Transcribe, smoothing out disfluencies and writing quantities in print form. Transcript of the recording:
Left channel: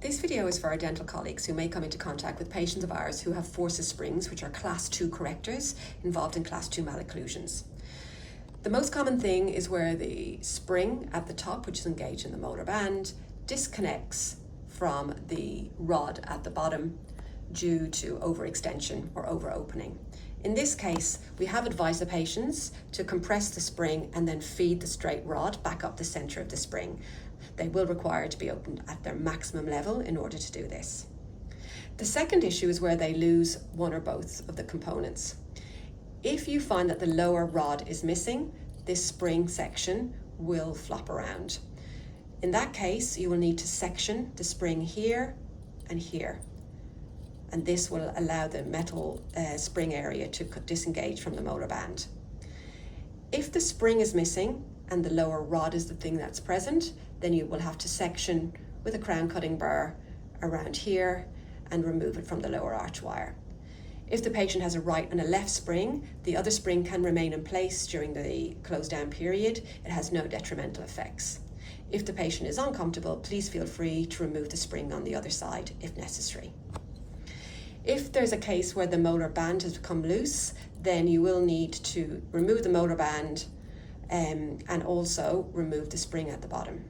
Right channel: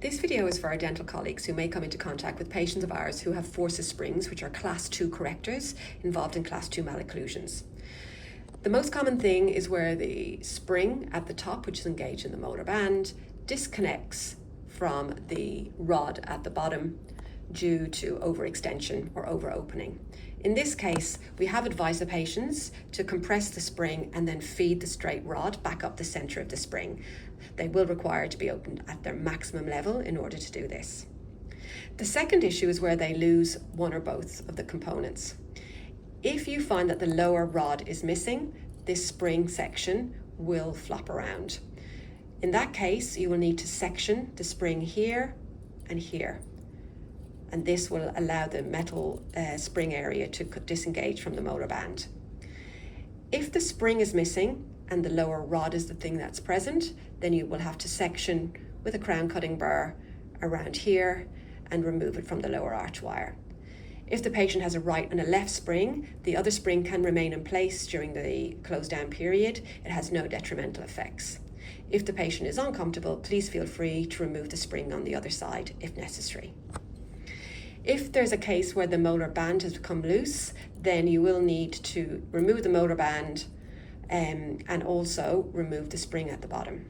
This video is for our dental colleagues who may come into contact with patients of ours who have forces springs, which are class 2 correctors involved in class 2 malocclusions. The most common thing is where the spring at the top, which is engaged in the molar band, disconnects from the rod at the bottom due to overextension or over-opening. In this case, we have advised the patients to compress the spring and then feed the straight rod back up the center of the spring. They will require to be opened at their maximum level in order to do this. The second issue is where they lose one or both of the components. If you find that the lower rod is missing, this spring section will flop around. In that case, you will need to section the spring here and here. And this will allow the metal spring area to disengage from the molar band. If the spring is missing and the lower rod is the thing that's present, then you will have to section with a crown cutting burr around here and remove it from the lower arch wire. If the patient has a right and a left spring, the other spring can remain in place during the closed down period. It has no detrimental effects. If the patient is uncomfortable, please feel free to remove the spring on the other side if necessary. If there's a case where the molar band has become loose, then you will need to remove the molar band and also remove the spring at the bottom.